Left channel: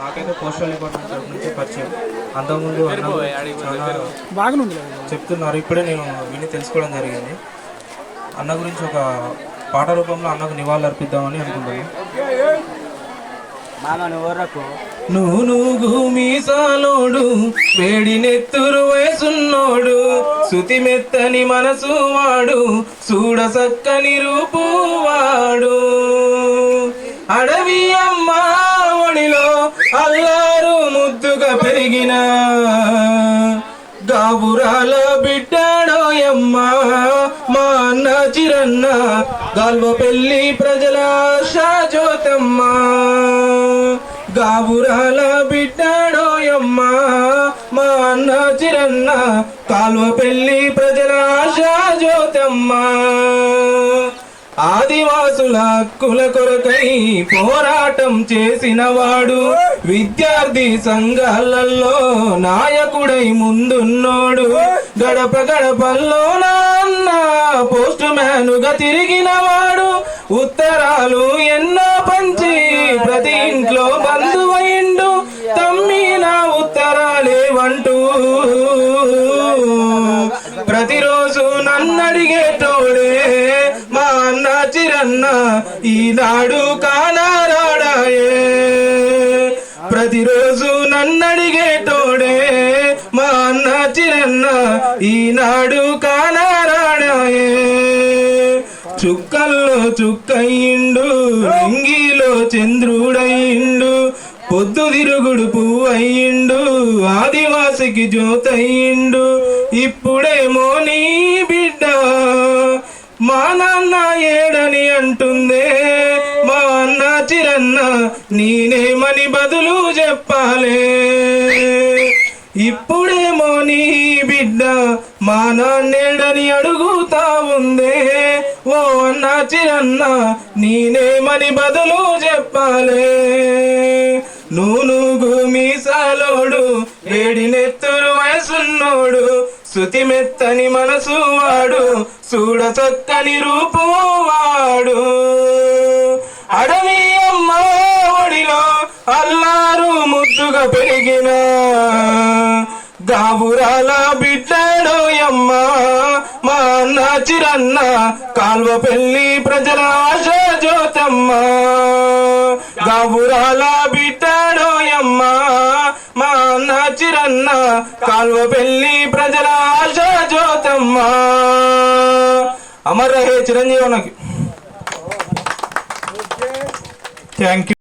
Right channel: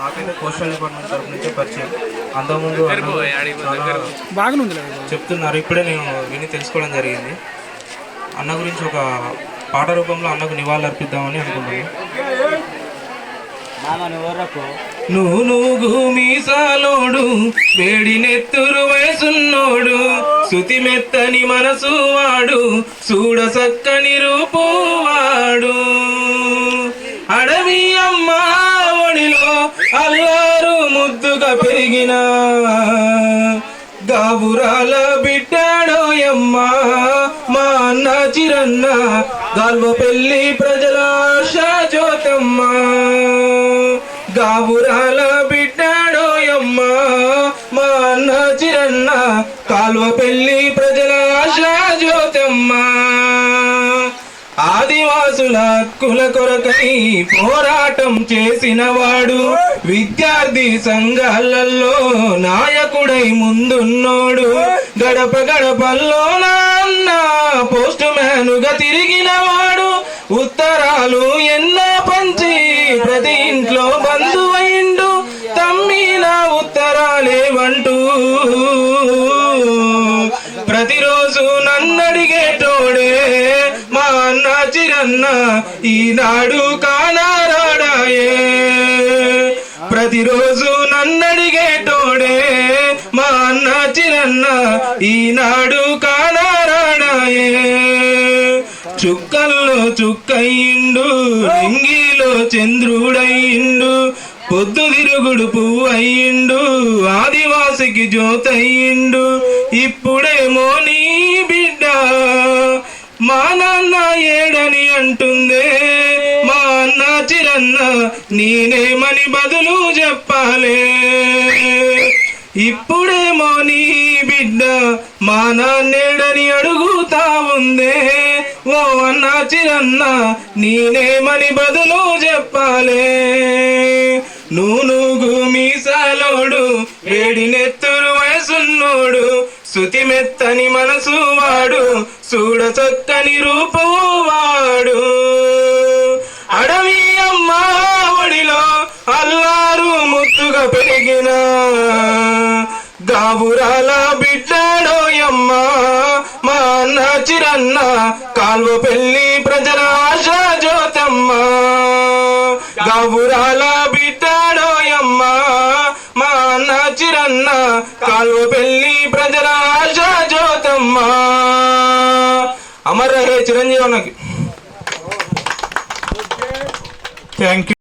నాకైతే postal department తరపు నుంచి పరిచయం. అంతకుముందు చెప్తున్నారు, ఇప్పుడే నేను విని తెలుసుకోవడం జరిగింది. అన్న గురించి ఒక పాట రూపంలో అన్నకు నివాళులు అర్పిద్దామని అనుకుంటున్నాను. నువ్వు మీసాలోడు వేడి నెత్తురు వయసున్నోడు, శృతి మెత్తని మనసు వాడు, చూడ సక్కని రూపువాడు, అడవి అమ్మ ఒడిలో అల్లారు ముద్దుగా పెరిగిన గాబురాల బిడ్డాడోయమ్మ మా అన్న చిరన్న, గాల్వ పెళ్లి ప్రజల జ్యోతమ్మ, గాబురాల బిడ్డాడోయమ్మ మా అన్న చిరన్న, కాల్వ పెళ్లి ప్రజల జ్యోతమ్మ. ఆదివాసుల హక్కుల కొరకై పోరాటం చేసిన వాడు, విద్యార్థి సంఘాలలో నాయకుడై ముందున్నోడు, గడప గడపల్లో నాన్న పోస్ట్ మ్యానుగా తిరిగిన వాడు, ఉత్తరాలు ఎన్నో పంచి ప్రతి ఇంట్లో బంధువైండు, తమ్మిన ఉత్తరాలేవంటూ ప్రతిరోజు నన్నడిగేటోడే మా అన్న చిరన్న, ఈనాడు కానారాడాయే. ప్రతిరోజు నన్నడిగేటోడే మా అన్న చిరన్న, ఈనాడు కానారాడాయే. చుక్కల్లో చుక్కయ్యిండు, లింగిలో చంద్రుడయ్యిండు, పొద్దు తిరుగుడు పువ్వయ్యిండు, ఆదివాసికి జ్యోతయ్యిండు. ఇప్పుడేమో నీ బిడ్డ మా నాన్న ఏడని అంటుందే, మా అన్న చిరన్న నేనేమని బదులు చెప్పాలే. ఇప్పుడేమో నీ బిడ్డ మా నాన్నేడని అడుగుతా ఉందే, ఓ అన్న చిరన్న నేనేమని బదులు చెప్పాలే. నూనుగు మీసాలోడు వేడి నెత్తురు వయసున్నోడు, శృతి మెత్తని మనసు వాడు, చూడ చక్కని రూపు వాడు, అడవి అమ్మ ఒడిలో అల్లారు ముద్దుగా పెరిగిన గాబురాల బిడ్డాడోయమ్మ మా అన్న చిరన్న, కాల్వ పెళ్లి ప్రజల జ్యోతమ్మ, గాబురాల బిడ్డాడోయమ్మ మా అన్న చిరన్న, కాల్వ పెళ్లి ప్రజల జ్యోతమ్మ. అమర రే చిరంజీవి అన్నకి థ్యాంక్ యూ.